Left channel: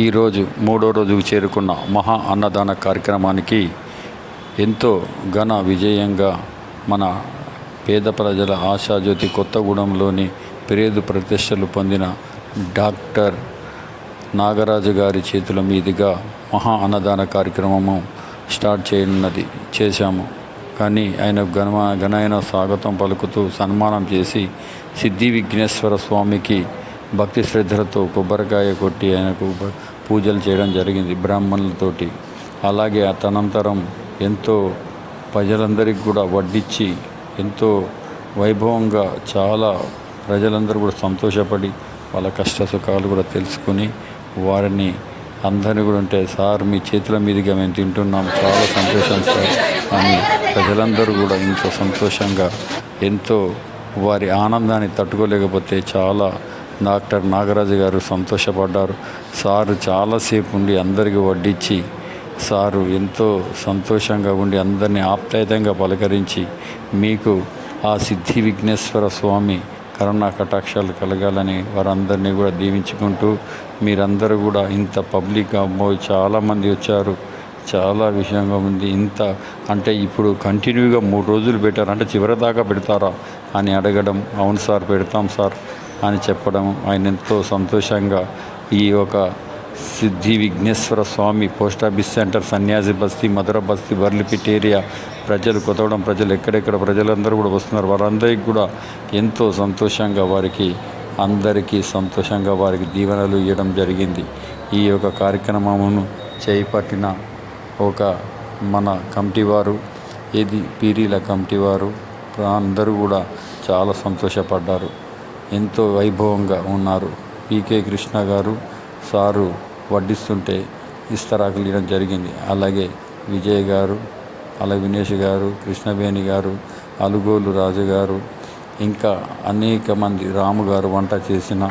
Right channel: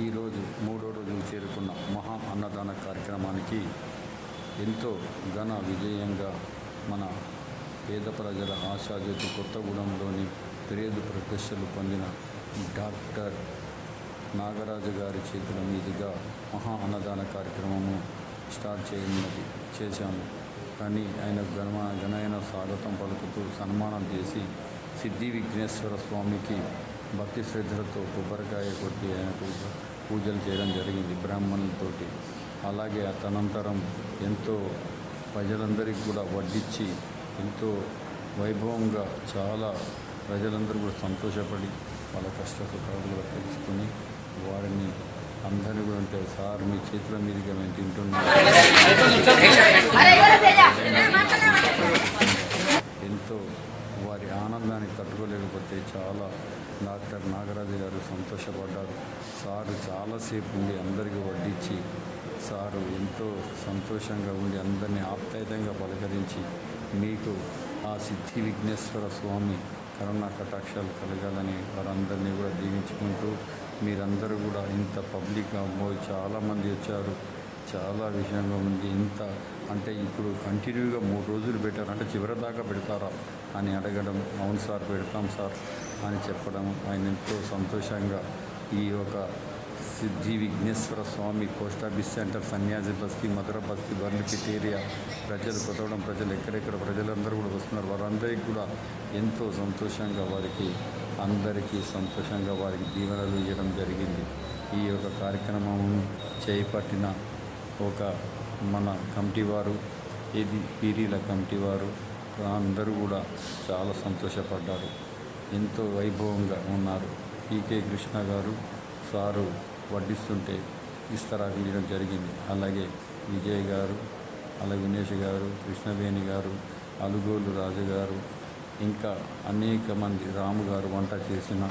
ఈరోజు మూడో రోజుకు చేరుకున్న మహా అన్నదాన కార్యక్రమానికి ఎంతో ఘన విజయంగా మన పేద ప్రజల ఆశాజ్యోతి కొత్తగూడెంలోని పేరు ప్రతిష్టలు పొందిన డాక్టర్ నాగరాజు గారి చేతుల మీదుగా మహా అన్నదాన కార్యక్రమము స్టార్ట్ చేశాము. కానీ ఆయన ఘనమైన స్వాగతం పలుకుతూ సన్మానం చేసి సిద్ధి విఘ్నేశ్వర స్వామికి భక్తి శ్రద్ధలతో కొబ్బరికాయ కొట్టి ఆయనకు పూజలు చేయడం జరిగింది బ్రాహ్మణులతోటి. అలాగే తనంతరం ఎంతో ప్రజలందరికీ కూడా వడ్డించి ఎంతో వైభవంగా చాలా ప్రజలందరూ కూడా సంతోషపడి వాళ్ళ కష్ట సుఖాలు కూడా తెలుసుకుని వారిని అందరినీ కూడా ఉంటే సార్ మీ చేతుల మీదుగా మేము తింటున్నాం చాలా సంతోషంగా అని ప్రజలందరూ కూడా ఎంతో సంతోషంగా ఎంతో వారి ఆనందాన్ని తట్టుకోలేకపోతే చాలా డాక్టర్ నాగరాజు గారు సంతోషపడ్డారు. సారు చాలాసేపు ఉండి అందరికీ వడ్డించి సారు ఎంతో సంతోషంగా ఉండి అందరినీ ఆప్యాయంగా పలకరించి మీకు ఆ సిద్ధి విఘ్నేశ్వర స్వామి కరుణా కటాక్షాలు కలగాలని వారందరినీ కూడా దీవించుకుంటూ మీరందరూ కూడా ఇంత పబ్లిక్ చాలామంది వచ్చారు, చాలా విషయంగా ఉంది. ఇంత అంటే ఇప్పుడు కంటిన్యూగా 3 రోజులు పెట్టారు అంటే చివరి దాకా పెడతారా అని అడగడం, అవును సార్ పెడతాం సార్ అని చెప్పడం, ఆయన ఎంతో సంతోషంగా ఈ ఒక సిద్ధి విఘ్నేశ్వర స్వామి పోస్ట్ ఆఫీస్ సెంటర్, సన్యాసి బస్తీ, మధుర బస్తీ, వర్లిపిట్ ఏరియా ప్రజలు, కొత్తగూడెం ప్రజలు, ఎక్కడెక్కడ ప్రజలందరూ కూడా వస్తున్నారు. వారందరికీ కూడా ఎంతో సంతోషంగా అందరికీ సంతోషంగా వారికి దీవెనలు ఇవ్వడం జరిగింది. ఈ యొక్క కార్యక్రమమును చేపట్టిన ఒక మన కమిటీ వారు, పీరీల కమిటీ వారు అందరూ కూడా చాలా సంతోషపడ్డారు, ఎంతో వైభవంగా ఉన్నారు. పీకే కృష్ణ గారు సారు వడ్డిస్తుంటే ఇస్తరాకులు ఇవ్వడం జరిగింది. అలాగే విజయ్ గారు, అలాగే వినేష్ గారు, కృష్ణవేణి గారు, అలుగోలు రాజు గారు, ఇంకా అనేక మంది, రాము గారు వంట చేసిన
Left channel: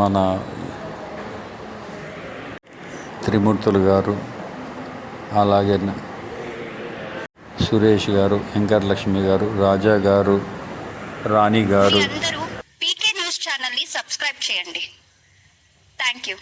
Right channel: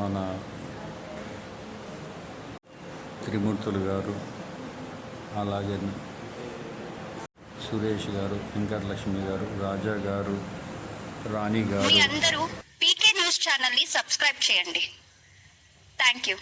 మన త్రిమూర్తులు గారు, అలాగే సురేష్ గారు, వెంకటలక్ష్మి గారు, రాజా గారు, రాణి గారు. అందరూ పీకే న్యూస్ ఛానల్ని సబ్స్క్రైబ్ చేయండి. Thank you.